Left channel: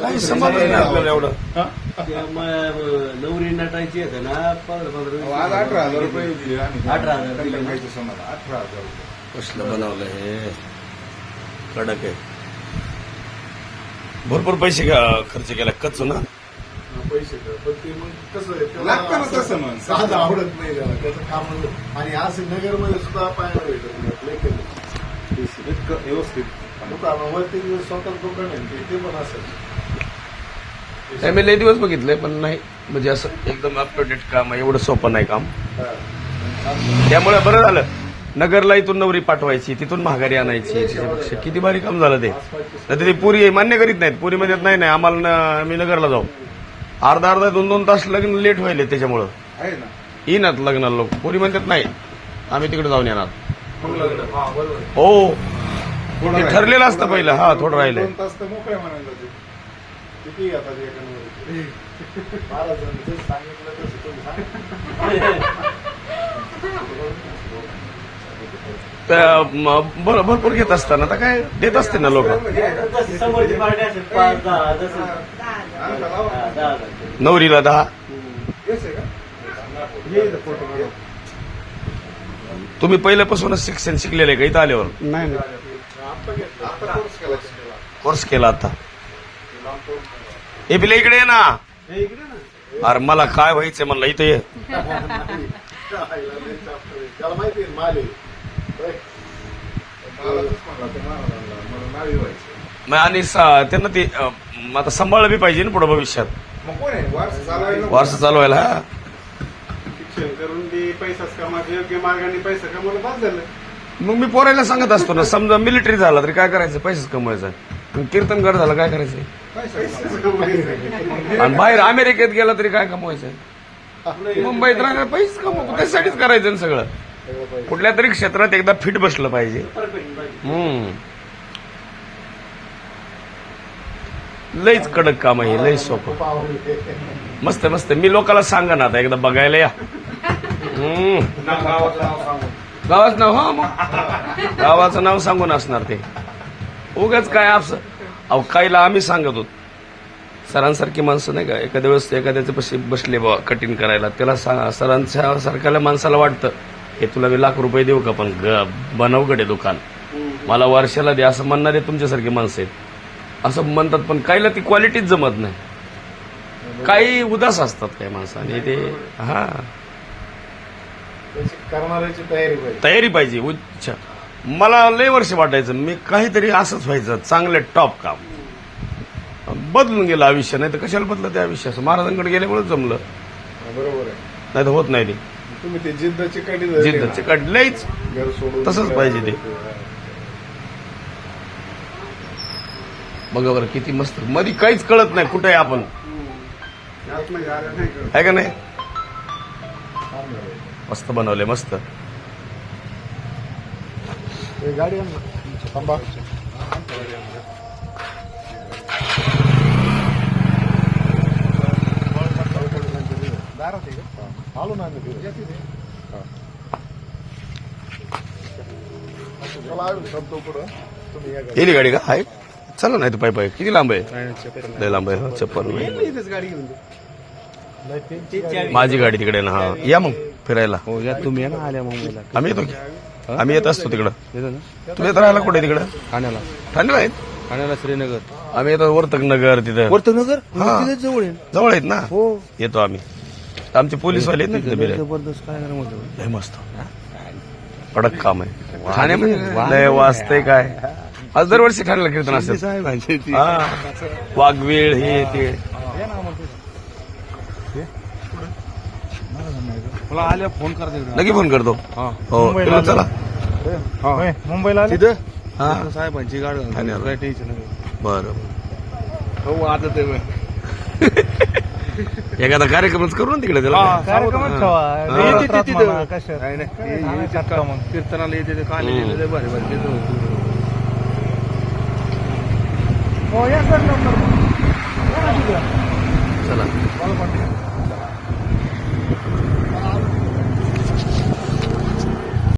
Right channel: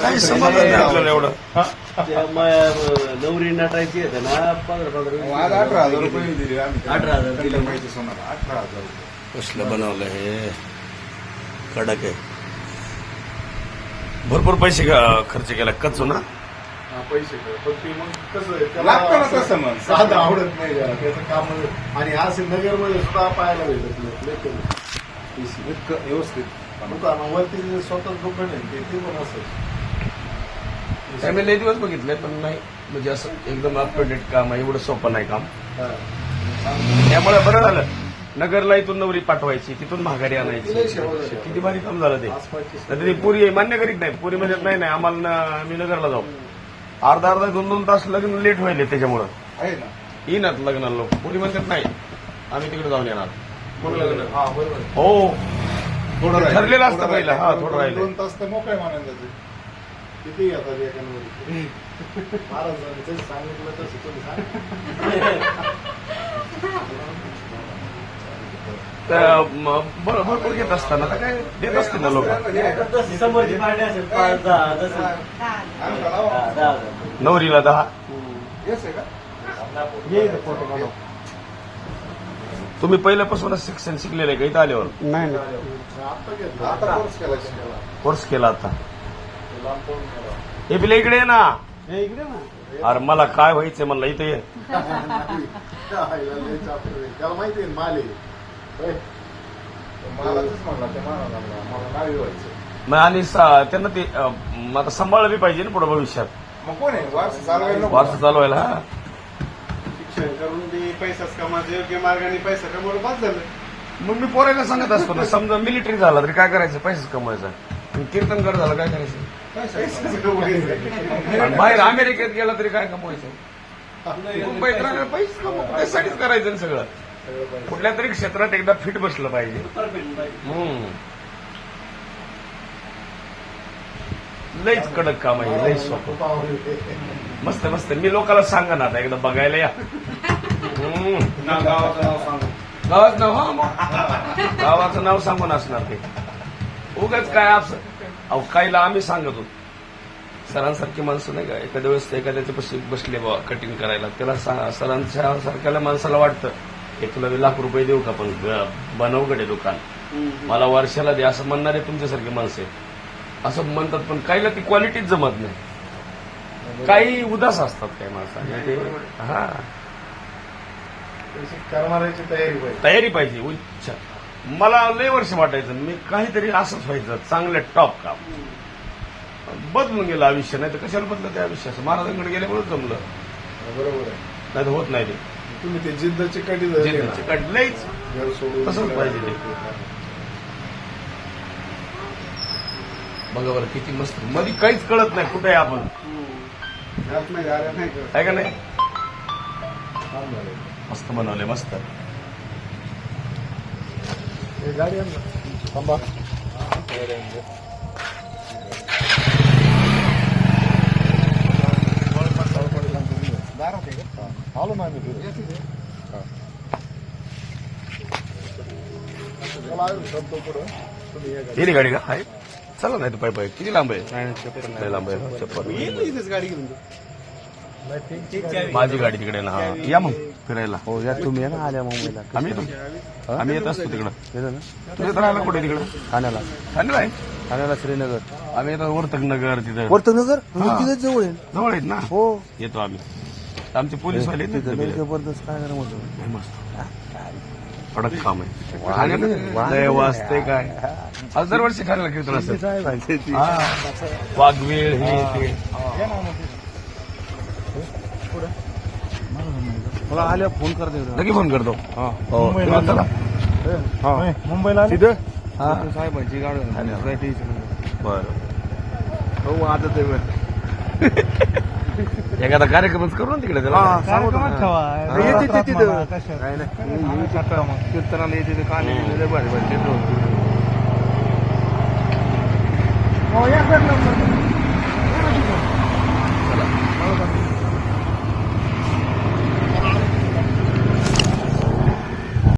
काही समजलं नाही आपल्याला एवढं. नवरी नटायची आहे ना 18,000 रुपये दिले आम्ही. 18,000 दिले. माहिती सोनाला 18,000 रुपये. कसलं बनवलं हे कडक आहे. भरपूर पैसे खर्च केला कच्चू ना. पैसे लागतं ना तसं मग. साधं आवडत नाही जरा त्याचं काम. आणि आज नगरमध्ये सुद्धा पाहायला भेटत नाही. इतकं व्यवस्थित दुकानावरती स्वतंत्र दुकान आहे ते पण असेल. मी लई दिवस बघितले पण नाही म्हणजे असं एकदम अप टू डेट काम आहे. एवढं सोपं नाही काम. त्यामुळे बरं झालं नगरला इथून नवरी पाठवायची तिथून माघारी आणायची. किती भारी काम झालं ते. तर ते पुरी मान्य करीत नाहीत. पुरी म्हणत नाही आम्हाला आम्ही नगरला जाऊ. अर्धा 2 तास लग्न लेट व्हायले त्याच्यामुळं आहे ना. येणार लग्नाला लोक. पुरी म्हणतात नाही आम्ही तिकडे जाऊन येणार. लग्न हो थोडं ते ठरलेलं असतं पहिलं. हा थोडं राहिलं. 2 तास तर मोकळे म्हणायला जाते. किती येतात एकांवर 12 जण सांगितलं तसं तुम्ही सांगा. तर भरपूर घेत असताना तर काय देत असते ना लोक. समोरची पार्टी असेल 5-10 नवरीला 10. येस आहे का? फोटो काढू. तुम्ही पहिल्यापासूनच शिक्षण शिकलेलं आहे का इथं आल्यावर? नाही आता घेतलं. आता कोर्स केला. कोर्स केला आता. हे बिले इकडे ये ना. इकडे ना. अरे मला काय व्हायचंय म्हणलं इथं ये. त्याला माहिती आहे माल आहे. मला तेच म्हणला ते मला नावी व्हायचं. मग आणि त्यांना ते आता सांभाळलं बी पाहिजे ना पुढे भविष्यात. मग कोण आहे वारसा चालवायला? वारसा चालवायला. हा शिक्षण करून ती पैसाच कमायचं योग्य मार्गाने पैसा कमवलं बाद झालं. मग मी पोरायला सांगत असतो ना समजा मिलिटरी झाला तरी काय करायचं पैसेच कमवायचा. कीर्तनकार झाला काय करायचं. पैसाच कमवायचं. आणि बाहेर अमेरिकेत गेला तरी काय कमवायचं. मुंबईत राहणार पैसे कमवतो त्यासाठीच करायचं ना सगळं. कुठल्या तरी क्षेत्रात एकदा फिट बसलं पाहिजे. लईच कडक काम आहे. लईच सोपं. मस्त मस्त. मी लोकांना सांगा ना आता एकदा बघायला या. गावाचं नाव सांगू. गावाचं नाव. हा मग गावाचं नाव सांगून असणार ते. उगाच काय असं अहो काहीला आम्ही सांगत होतो. सरांसारखी माणसं नाही का एखाद्या वेळेस एखाद्याचे पैसे बसले बा कटिंग करायला त्याला सरांच्या सारख्याला माणसाला वाटतं हे तुला मी लाख रुपये देऊ का पण बनवकडे दुकान मला वर्षाला दे असं म्हणणारे तुमच्यासारखी माणसं आहेत. असं म्हणतात पण काहीला ती क्वालिटीच जमत नाही. काही उदास असतात काही माणसं आणि ते हा करणाऱ्याची तयारी पाहिजे. तयारी पाहिजे. उच्च मला लय वर्ष वाटायचं मी काहीतरी असंच व्हायचं चांगलं टॉप काम. बदलून गेलं आयुष्य. नाही तर कशाला बदलं ते आयुष्य. महाराजांकडे गेल्यामुळे जमलं. बरोबर आहे. नाही तर होत नाही ते. तुम्ही ते जिद्दची कडी जिद्दचे काढलंच घर सोडून तसंच पाहिजे ते. बघा बरं किती मस्त. मध्ये काहीच कळत नाही कुठे आपण आहे का नाही. मस्त बनवले मस्त. गाडी थांबा. आलो ना आम्ही. शब्द पुढं तुम्ही गेली गाडी का आहे. चला नाही तर पाय पाय किती लांब आहे. लय लांब आहे. चप्पल इथेच गाडी घेऊन माझी गाडी तिकडे ना. हा या मग फिरायला. हो या तुम्ही ना आल्या मुंबईला. आम्ही येतो. आम्ही येत असतो तिकडं. तुम्ही येत राहिला कुठे तिकडं ठाण्याला. ठाण्याला आहेत. ठाण्याला श्रीनगर. आम्ही येतो वर्तक नगर तिथं वर्तनगर हा. तिथेच जवळ आहे. जवळ आहेत ना. हो येतो आम्ही. आमचे पोलीसवाले आहेत ना तिथे बिले. जबरदस्त काय म्हणतो. हे मस्त कडक काम आहे. ठाण्यामध्ये लय वाजतंय काय. आज दरवर्षी ठाण्याला कीर्तन असते. वाघवेळ हे ते. मला आल्या फोन करते. नक्की फोन करतो. हो चला मुंबईला तिथं हा साहेबांची गाडी ठाण्याला. बरं हो आता ते एखादा कार्यक्रमच करू ना तिकडे त्याला. कीर्तनाला येते काल चला